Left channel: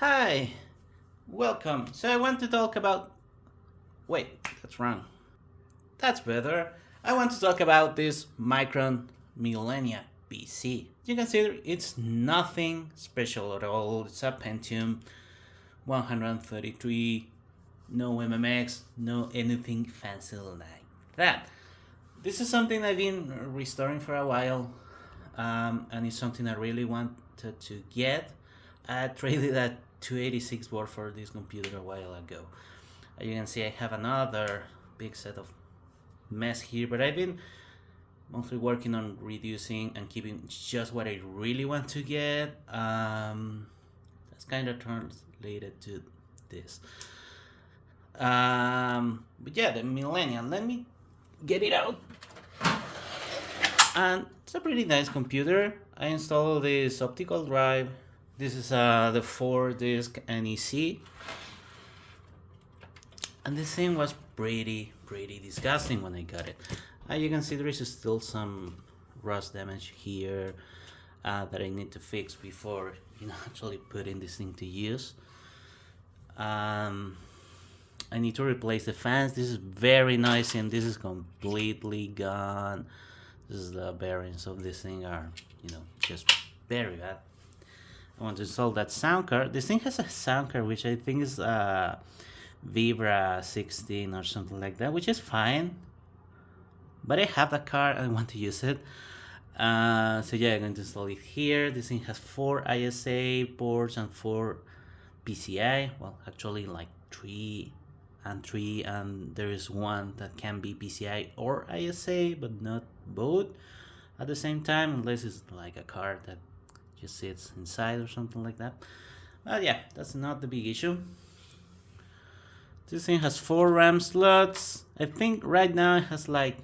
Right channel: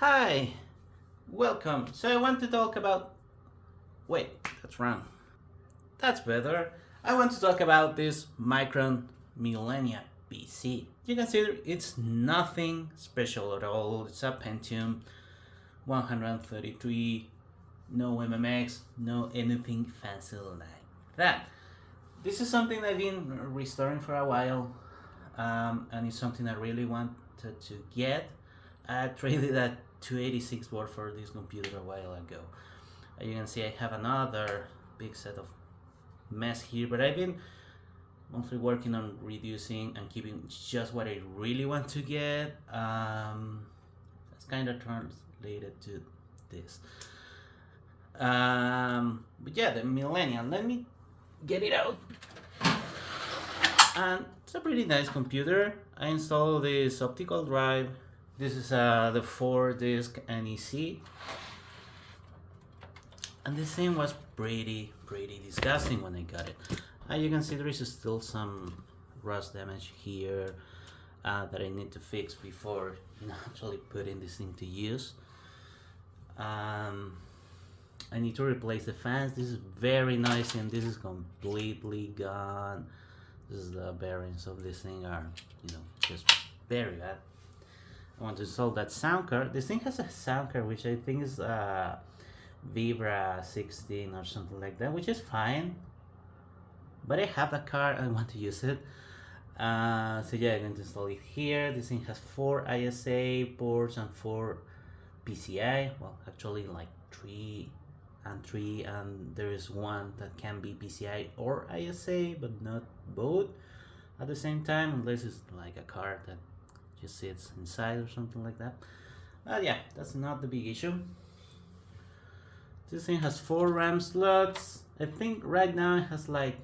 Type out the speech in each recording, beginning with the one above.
Hi, welcome. So I want to talk about. Wait, that's wrong. That's better. I want to talk about this Micron Millennia PC. You consider it's nothing special at all. It's a Pentium 133, no MMX, no anything fancy like that. This is something I've been restoring for a while, and it's something I really wanted to get. I traded that 286 board for this computer a while ago. As you can see, I have another big set of mess here, but I've been mostly working on reducing and keeping just what I really want to get. That's kind of translated to this. But yeah, the Millennium. Let me get it out. And it's a pretty nice computer. I installed this optical drive. This is the 4-disc NEC. And this thing was pretty disgusting when I got it. You can see there is still some rust damage here that I need to fix before actually putting this thing to use. I need to replace the fans. This is very noisy and this is completely gone. This is the bearings of this thing are just very bad. I want to install that sound card. This thing has a sound card which I think is Vibra 16 or something like that, which is fine. But I have the card and I want to use it. So yeah, I'm going to install it here. This thing has 4 ISA ports and 4 PCI. Well, actually like 3 and 3, and there is one that can be PCI or ISA, but not both at the same time, unless it's like a card that just sits inside or something like that. But yeah, that's not the big issue. This thing has 4 RAM slots. I think right now it has like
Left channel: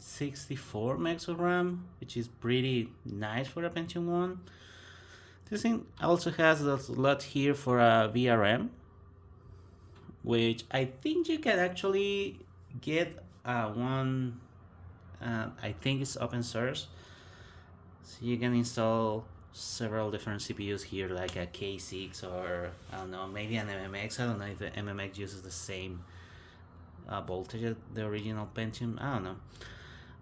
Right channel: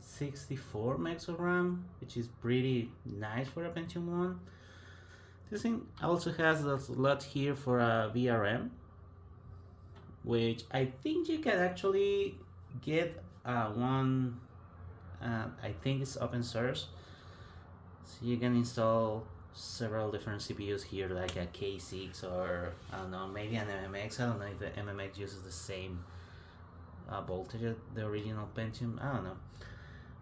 64 megs of RAM, which is pretty nice for a Pentium 1. This thing also has a slot here for a VRM, which I think you can actually get one. I think it's open source, so you can install several different CPUs here, like a K6 or I don't know, maybe an MMX. I don't know if the MMX uses the same voltage as the original Pentium. I don't know,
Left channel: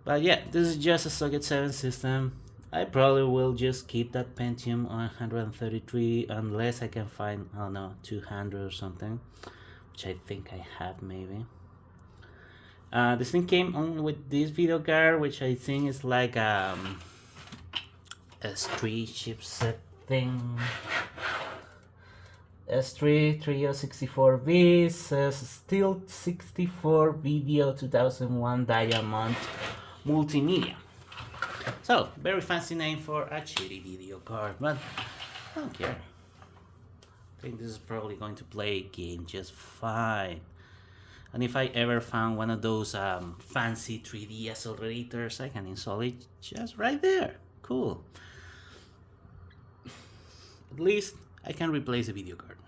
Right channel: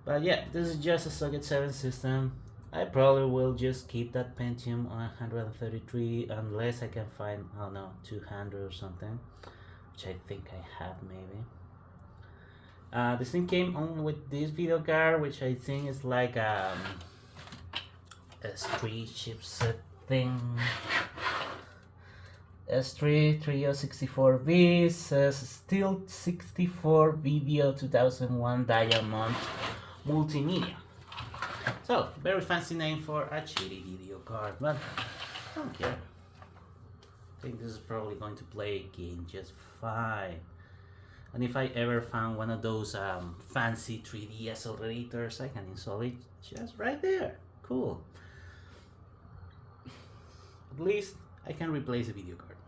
but yeah, this is just a Socket 7 system. I probably will just keep that Pentium 133 unless I can find, I don't know, 200 or something, which I think I have maybe. This thing came on with this video card, which I think is like S3 chipset thing. S3 3064V says still 64 video 2001 Diamond Multimedia. So, very fancy name for a shitty video card, but I don't care. I think this is probably going to play a game just fine. And if I ever found one of those fancy 3D accelerators, I can install it just right there. Cool. At least I can replace a video card.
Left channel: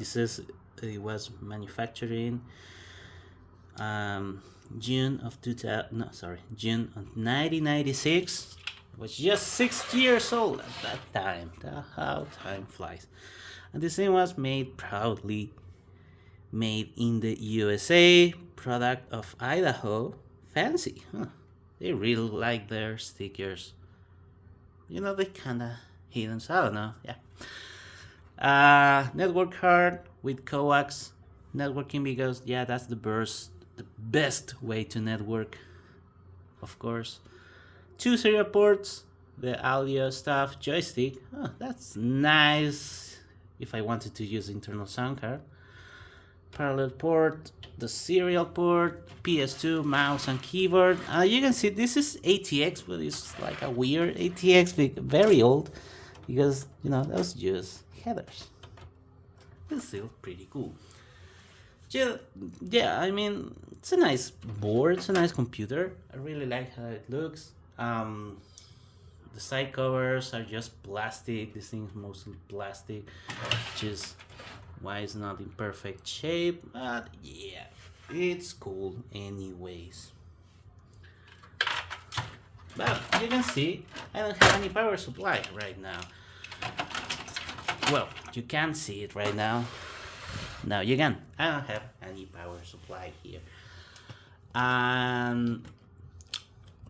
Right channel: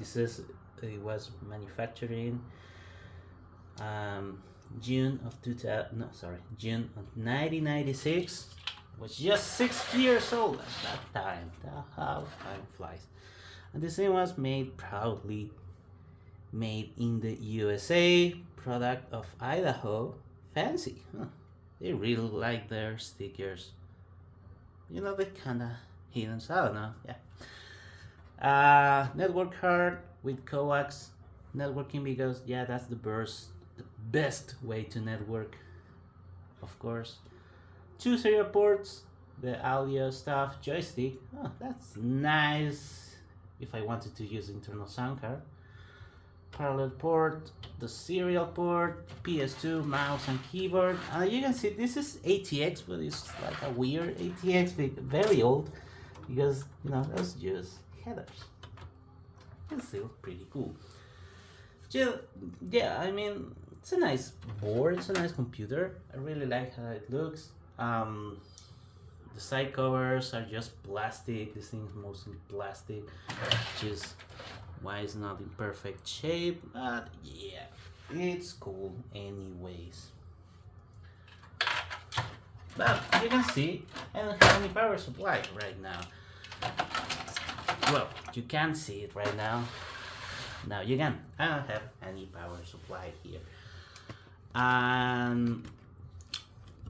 It was manufactured in June of 1996. It was just 6 years old at that time. How time flies. And this thing was made proudly made in the USA, product of Idaho. Fancy, huh? They really like their stickers. They kinda hidden, so I don't know, yeah. Network card with coax networking, because yeah, that's the best way to network, of course. 2 serial ports, the audio stuff, joystick. Oh, that's nice if I wanted to use internal sound card. Parallel port, the serial port, PS2, mouse and keyboard. You can see this is ATX, but it's like a weird ATX, very old, because that's just headers. It's still pretty cool. Yeah, I mean, it's a nice board, it's a nice computer. I really like how it looks. The side covers are just plastic. This thing is mostly plastic, which is why it's not in perfect shape, but yeah, it's cool anyways. But you can see I don't have any power supply right now. Well, you can't see it right now. No, you can. I don't have any power supply here.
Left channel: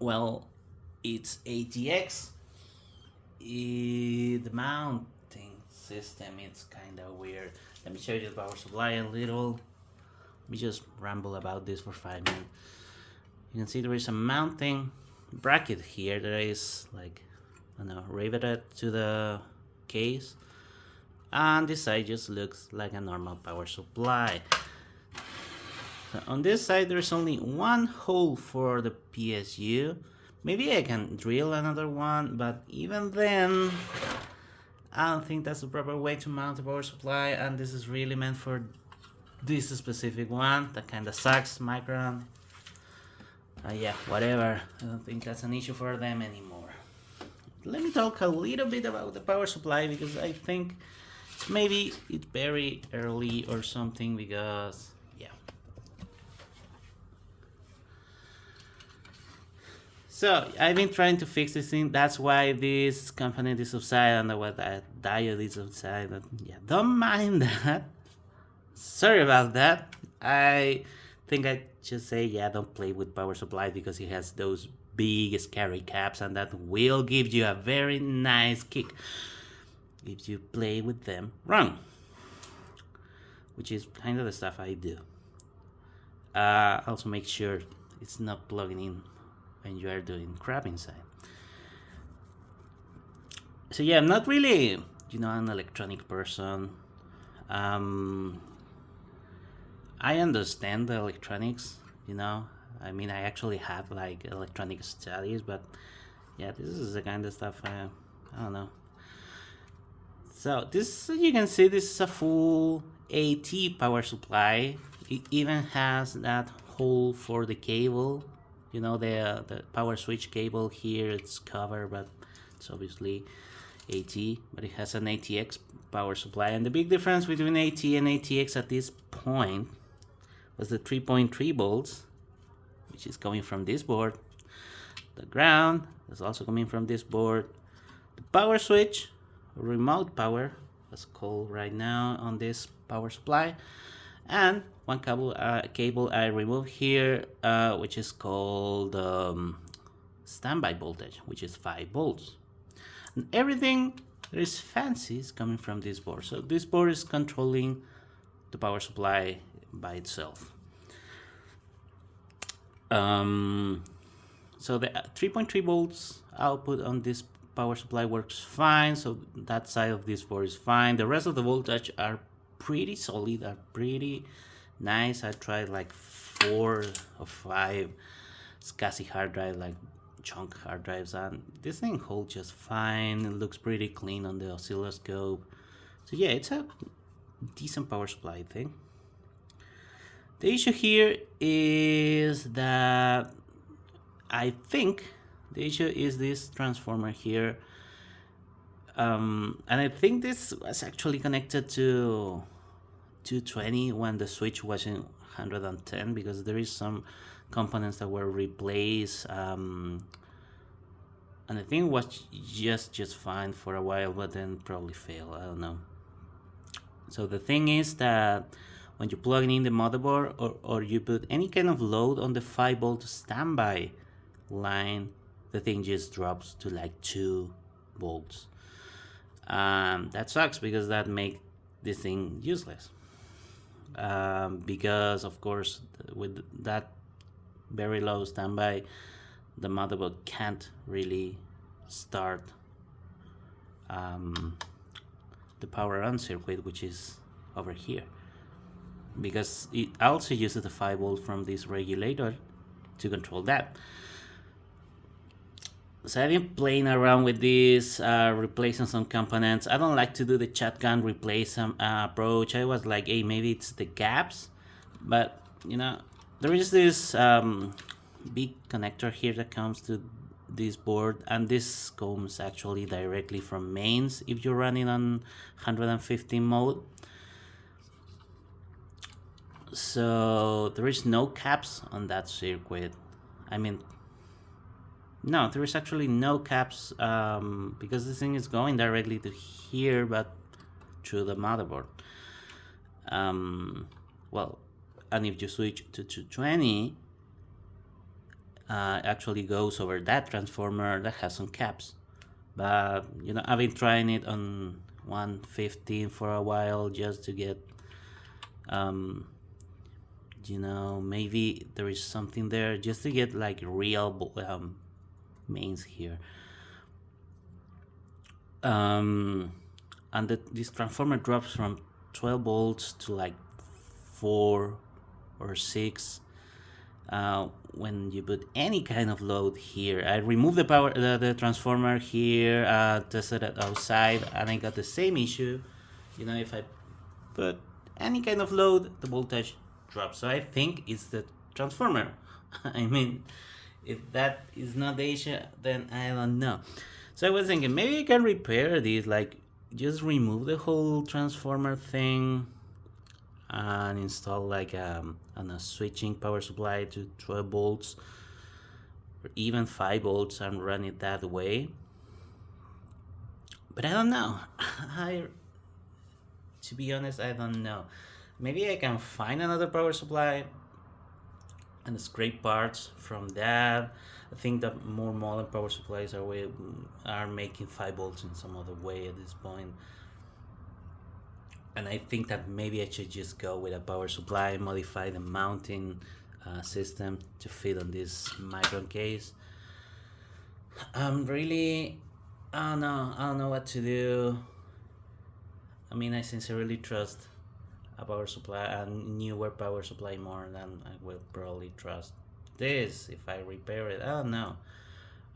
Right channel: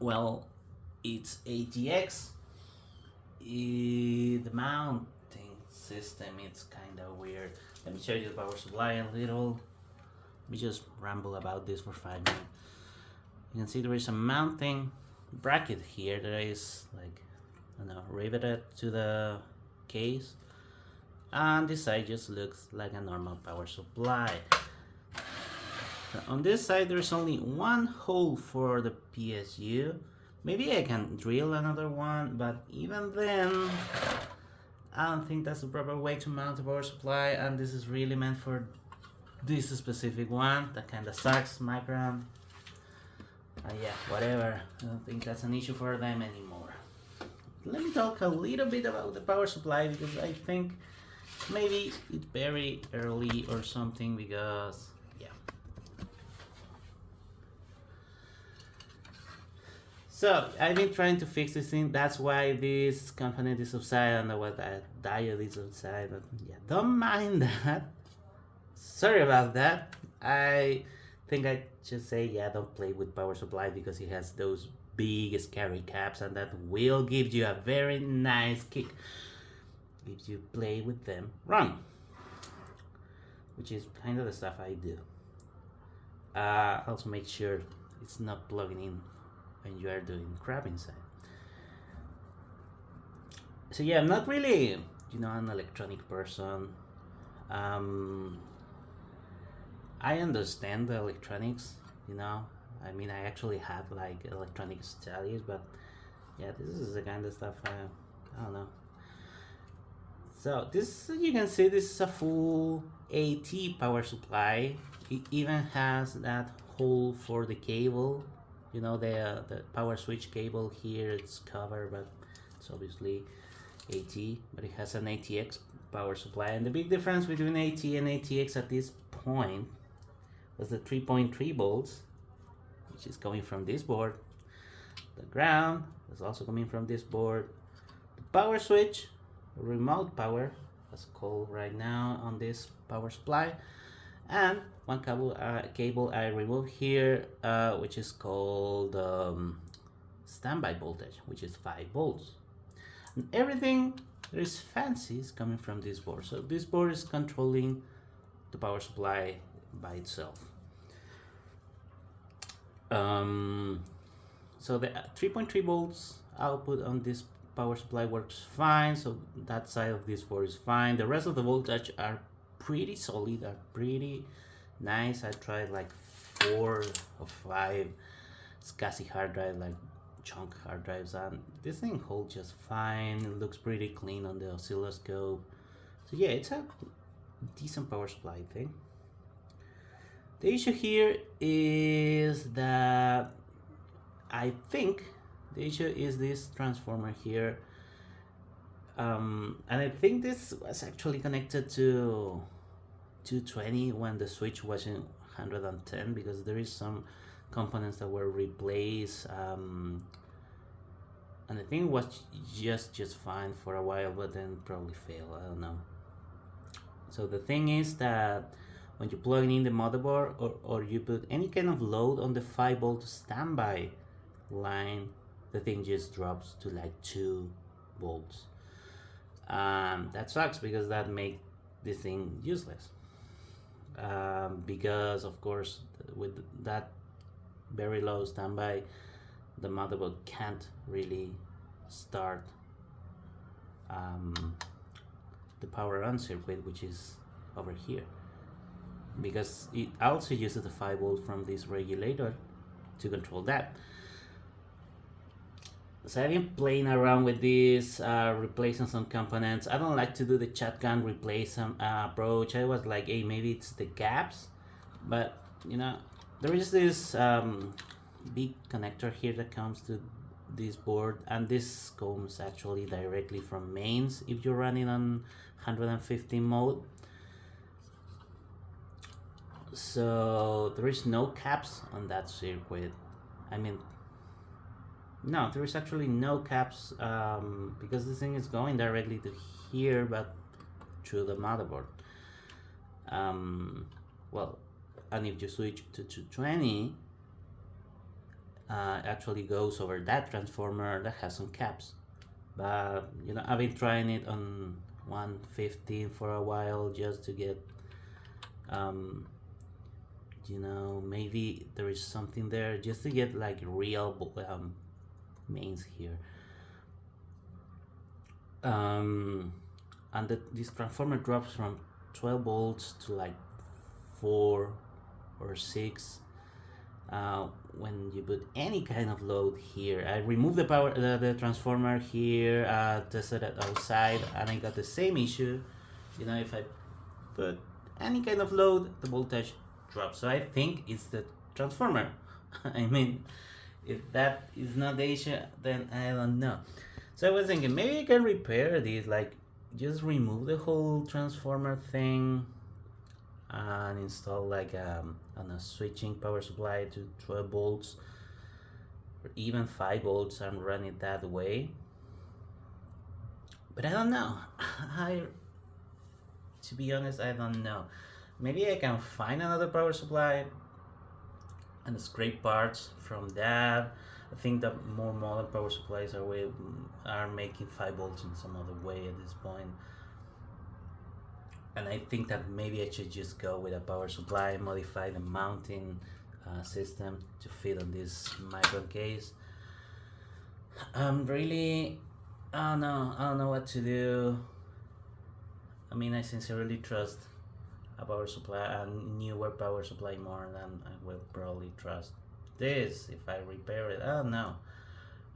Well, it's ATX. The mounting system is kind of weird. Let me show you the power supply a little. Let me just ramble about this for 5 minutes. You can see there is a mounting bracket here that is like, I don't know, riveted to the case, and this side just looks like a normal power supply. So on this side there's only one hole for the PSU. Maybe I can drill another one, but even then I don't think that's the proper way to mount a power supply, and this is really meant for this specific one. That kind of sucks, Micron. Yeah, whatever. I don't think that's an issue for them anymore. Let me talk a little bit about the power supply, because I think maybe it's very early or something, because yeah. So I've been trying to fix this thing. That's why this component is offside and what that diode is offside. But yeah, don't mind that. Sorry about that. I think I just say, yeah, don't play with power supply, because it has those big scary caps, and that will give you a very nice kick if you play with them wrong, which is kind of the stuff I do. Also make sure it's not plugging in when you are doing crap inside. So yeah, I'm not really, an electronic person. I understand the electronics, I mean, I actually have like electronic studies, but yeah, this is the kind of stuff I don't know. So this, you can see, this is a full AT power supply. It even has that hole for the cable, the power switch cable here. It's covered, but it's obviously AT, but it has an ATX power supply. And the big difference between AT and ATX at this point was the 3.3 volts, which is coming from this board. The ground is also coming from this board. The power switch, remote power, that's called right now on this power supply, and one cable I removed here, which is called standby voltage, which is 5 volts. And everything that is fancy is coming from this board. So this board is controlling the power supply by itself. So the 3.3 volts output on this power supply works fine, so that side of this board is fine. The rest of the voltage are pretty solid, are pretty nice. I tried like 4 or 5 SCSI hard drive, like chunk hard drives, and this thing holds just fine. It looks pretty clean on the oscilloscope. So yeah, it's a decent power supply, I think. The issue here is that I think the issue is this transformer here, and I think this was actually connected to 220 when the switch was in 110, because there is some components that were replaced, and I think it was just fine for a while, but then probably failed. I don't know. So the thing is that when you plug in the motherboard, or you put any kind of load on the 5 volt standby line, the thing just drops to like 2 volts. That sucks, because that makes this thing useless. Because of course, with that very low standby, the motherboard can't really start the power on circuit, which is over here, because it also uses the 5 volt from this regulator to control that. So I've been playing around with this, replacing some components. I don't like to do the shotgun replace approach. I was like, hey, maybe it's the gaps, but there is this big connector here that comes to this board, and this comes actually directly from mains if you're running on 115 mode. So there is no caps on that circuit. I mean, no, there is actually no caps, because this thing is going directly to here, but through the motherboard. Well, and if you switch to 220, actually goes over that transformer that has some caps. But I've been trying it on 115 for a while just to get maybe there is something there just to get like real mains here. And this transformer drops from 12 volts to like 4 or 6 when you put any kind of load here. I removed the transformer here, tested it outside, and I got the same issue. If I put any kind of load, the voltage drops. So I think it's the transformer. I mean, if that is not the issue, then I don't know. So I was thinking maybe I can repair this, like just remove the whole transformer thing and install like a switching power supply to 12 volts or even 5 volts and run it that way. But I don't know. To be honest, I don't know. Maybe I can find another power supply and scrape parts from that. I think that more modern power supplies are making 5 volts in some other way at this point. And I think that maybe I should just go with a power supply, modify the mounting system to fit on this Micron case. Really, I don't know what to do. I mean, I sincerely trust a power supply, a newer power supply, more than I would probably trust this if I repair it. I don't know.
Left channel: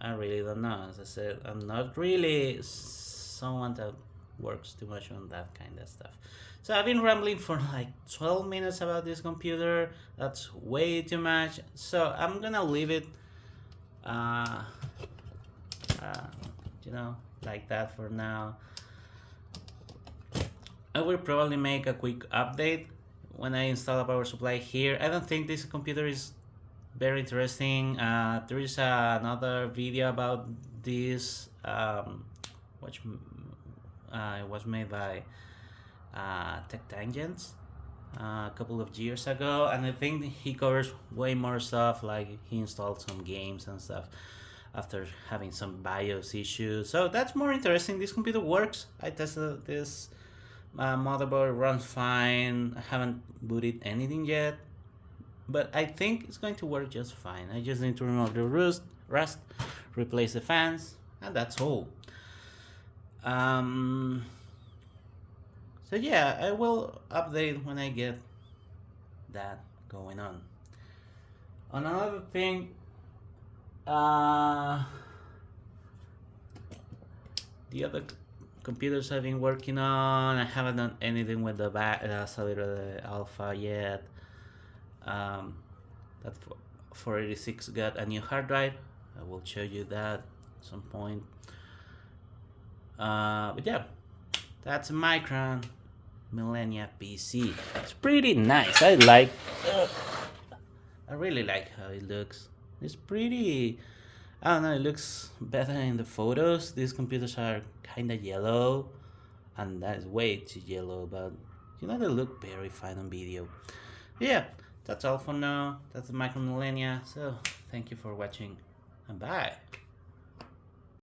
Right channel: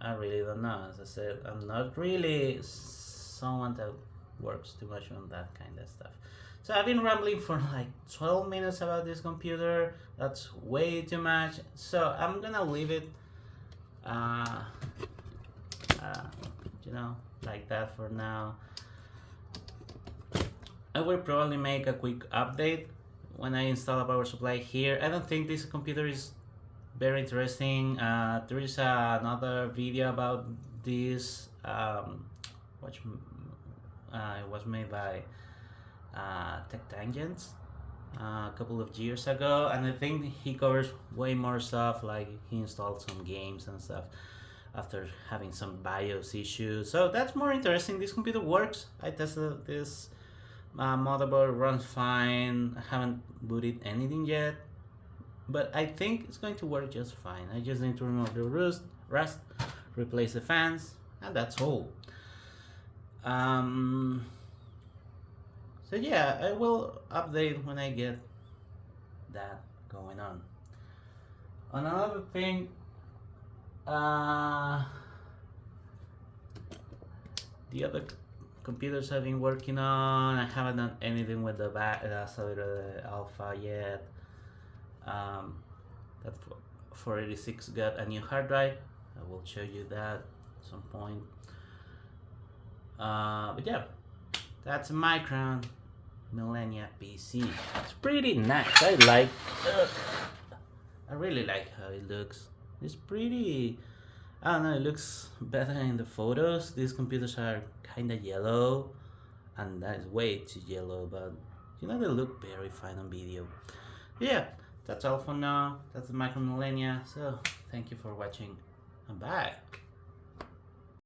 I really don't know. As I said, I'm not really someone that works too much on that kind of stuff. So I've been rambling for like 12 minutes about this computer. That's way too much. So I'm gonna leave it like that for now. I will probably make a quick update when I install a power supply here. I don't think this computer is very interesting. There is another video about this, which it was made by Tech Tangents a couple of years ago, and I think he covers way more stuff, like he installed some games and stuff after having some BIOS issues. So that's more interesting. This computer works. I tested this motherboard, runs fine. I haven't booted anything yet, but I think it's going to work just fine. I just need to remove the rust, replace the fans, and that's all. So yeah, I will update when I get that going on. Another thing, the other computers I've been working on, I haven't done anything with the Solid Alpha yet. That 486 got a new hard drive. I will show you that at some point. But yeah, that's a Micron Millennia PC. It's pretty nice. I really like how it looks. It's pretty, I don't know, it looks better in the photos. These computers are kind of yellow, and that is way too yellow, but they look very fine on video. Yeah, that's all for now. That's the Micron Millennia. So thank you for watching, and bye.